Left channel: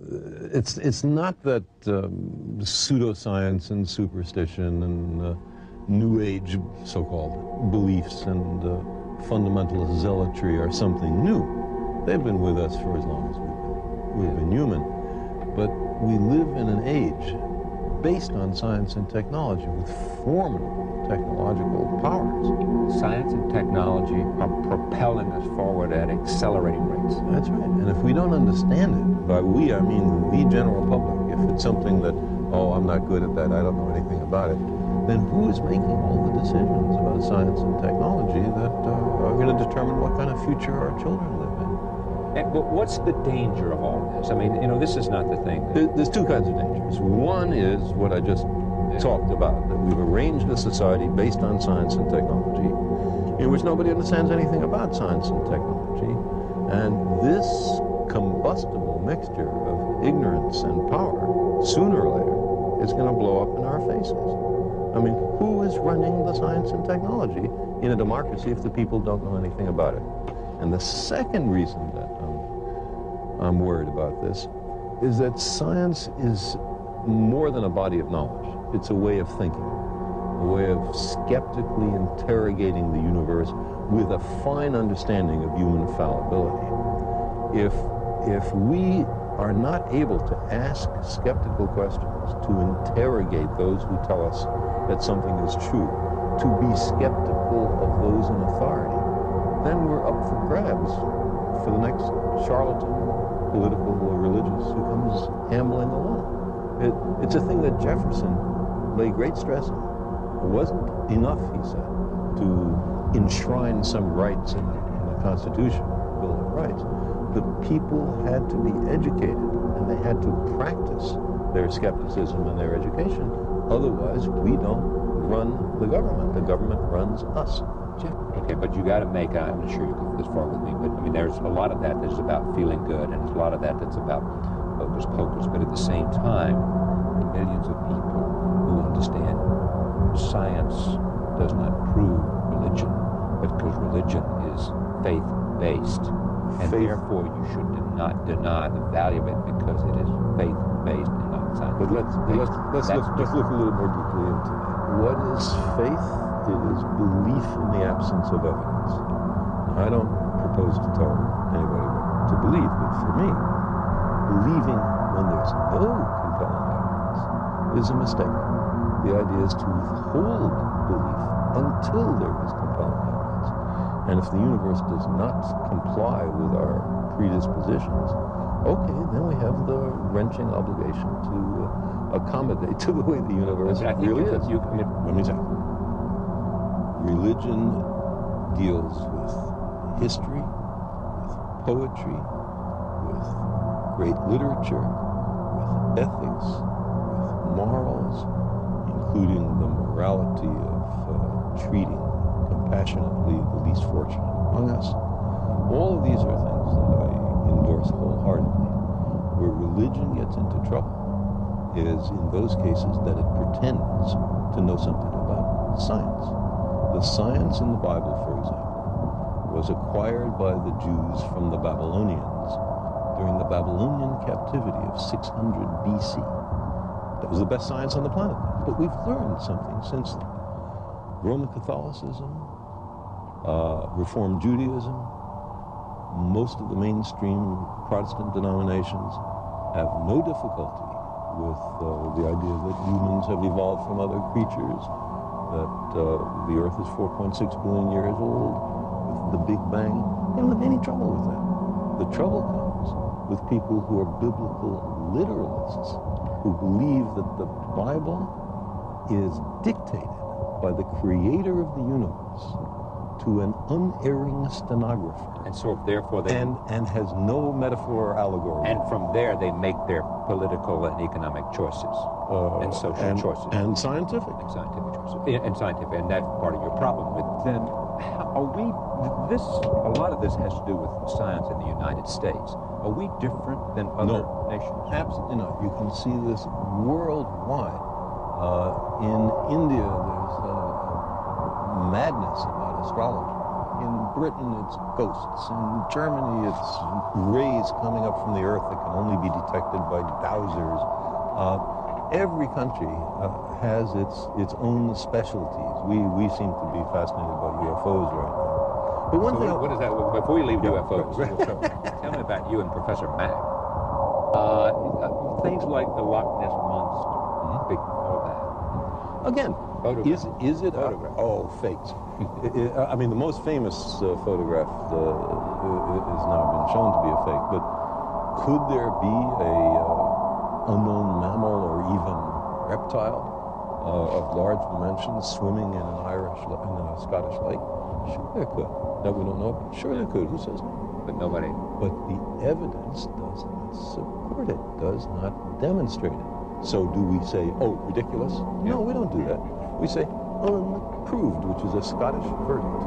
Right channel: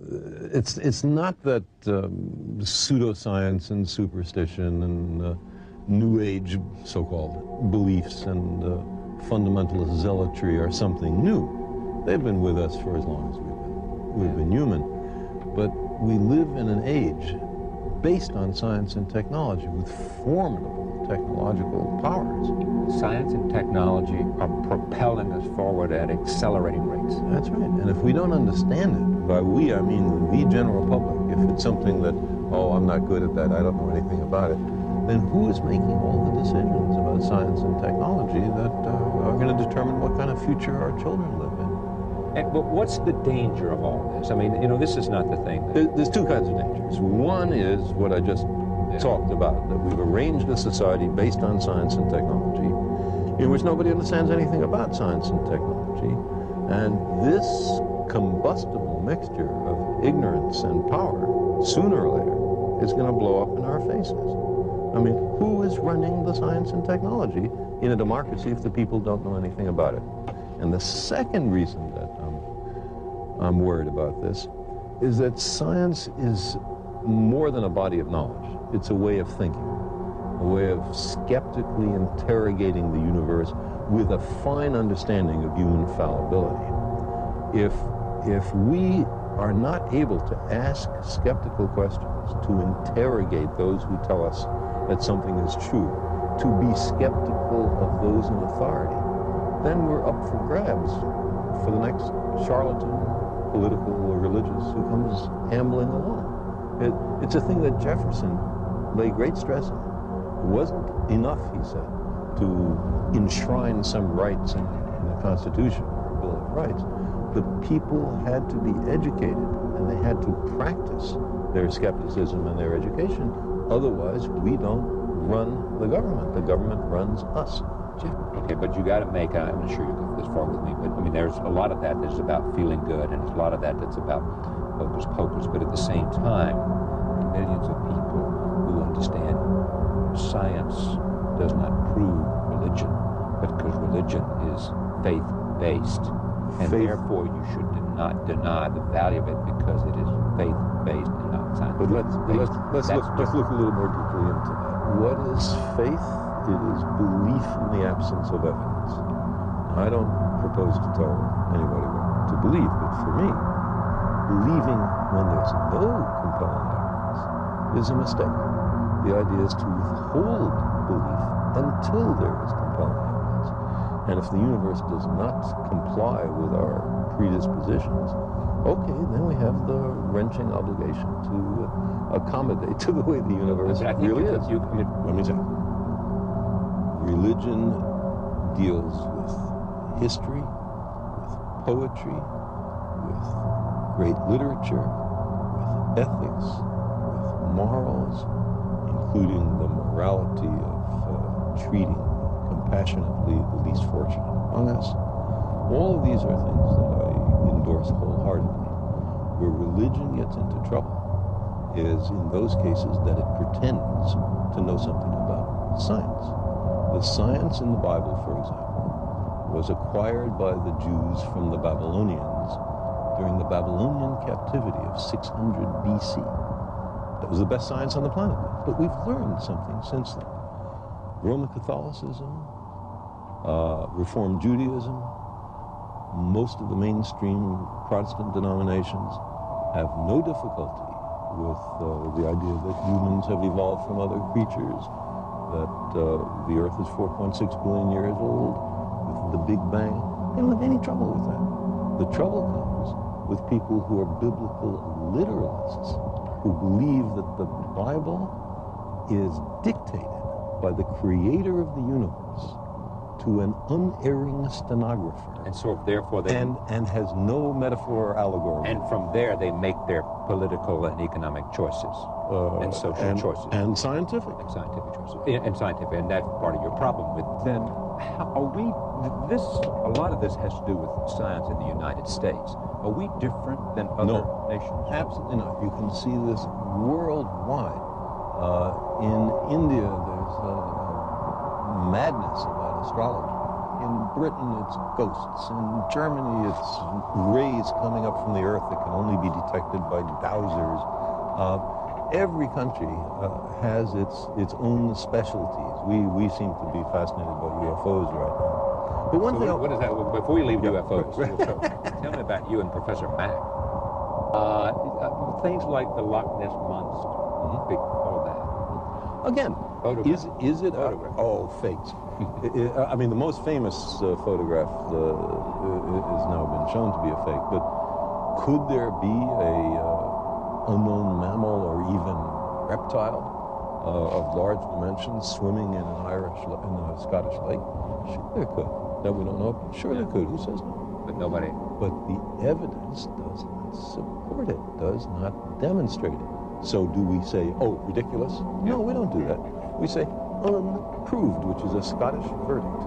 it's not that pseudoscience and superstition and New Age so-called beliefs and fundamentalist zealotry are something new. They've been with us for as long as we've been human. But we live in an age based on science and technology with formidable technological powers. Science and technology are propelling us forward at accelerating rates. That's right. And if we don't understand it, by we, I mean the general public, if it's something that, oh, I'm not good at that, I don't know anything about it, then who is making all the decisions about science and technology that are going to determine what kind of future our children live in? But what's the danger of all this? I mean, you know, this is not the thing that... There's two kinds of dangers. One is what I just talked about, that we've arranged a society based on science and technology, in which nobody understands anything about science and technology, and this combustible mixture of ignorance and power, sooner or later, is going to blow up in our faces. I mean, who is running the science and technology in a democracy if the people don't know anything about it? And the second reason that I'm worried about this is that science is more than a body of knowledge. It's a way of thinking, a way of skeptically interrogating the universe with a fine understanding of human fallibility. If we are not able to ask skeptical questions, to interrogate those who tell us that something is true, to be skeptical of those in authority, then we're up for grabs for the next charlatan, political or religious, who comes ambling along. It's a thing that Jefferson laid great stress on. It wasn't enough, he said, to enshrine some rights in the Constitution or Bill of Rights. The people had to be educated, and they had to practice their skepticism and their education. Otherwise, we don't run the government. The government runs us. Jeff, okay, but you got to make, I'm not sure you go this far with me, but I mean, there's a lot of that that is about feeling good, and there's a lot of that that's about hocus pocus, but at the same time, there are millions of people who understand science does not prove religion, because religion is faith-based, and therefore you should not deny the value of it because it is faith-based and not science-based. But let's look a little more deeply into that. What is faith? It is belief in the absence of evidence. Now, I don't propose to tell anybody what to believe, but for me, believing when there's no compelling evidence is a mistake. The idea is to withhold belief until there is compelling evidence. And if the universe does not comply with our predispositions, okay, then we have the wrenching obligation to accommodate to the way the universe really is. Let me say, religion deals with history, with poetry, with great literature, with ethics, with morals, including the morality of treating compassionately the least fortunate among us. All of these are things that I endorse wholeheartedly. Where religion gets into trouble is in those cases that it pretends to know something about science. The science in the Bible, for example, was acquired by the Jews from the Babylonians during the Babylonian captivity of 600 BC. That was the best science on the planet. But we've learned something since then. Roman Catholicism, Reformed Judaism, most of the mainstream Protestant denominations have no difficulty with the idea that humans have evolved from other creatures, that the Earth is 4.6 billion years old, with the Big Bang. They don't have any trouble with that. The trouble comes with people who are biblical literalists, who believe that the Bible is dictated by the creator of the universe to an unerring stenographer. And so therefore they... And has no metaphor or allegory. And from there they make their political and economic choices, and social choices. And scientific. And scientific choices. And scientific, and that's part of your problem with... Then, how are we... a lot of this has to do with science in the United States. Are we different than other nations? Absolutely not. You can see this worldwide. In India, there's a madness about astrology. In Britain, it's ghosts. In Germany, it's rays coming up from the earth that can only be detected by dowsers. Every country has its own specialties. We seem to be fascinated by UFOs right now. But one thing... What is that? Before you leave UFOs, tell me about you and Professor Mack. Things like the Loch Ness Monster, big, all that. Again, is it... fakes. I mean, the most famous photograph has now been shown to be a fake, but could there be a unknown mammal or even reptile of large dimensions swimming in a Scottish lake? Sure there could. That we don't know about? Sure there could. Who says no? But nobody... But the evidence does not support it, does not demonstrate it. So do we say, oh, ridiculous? No, we don't do that. We say unproved, which is a Scottish verdict.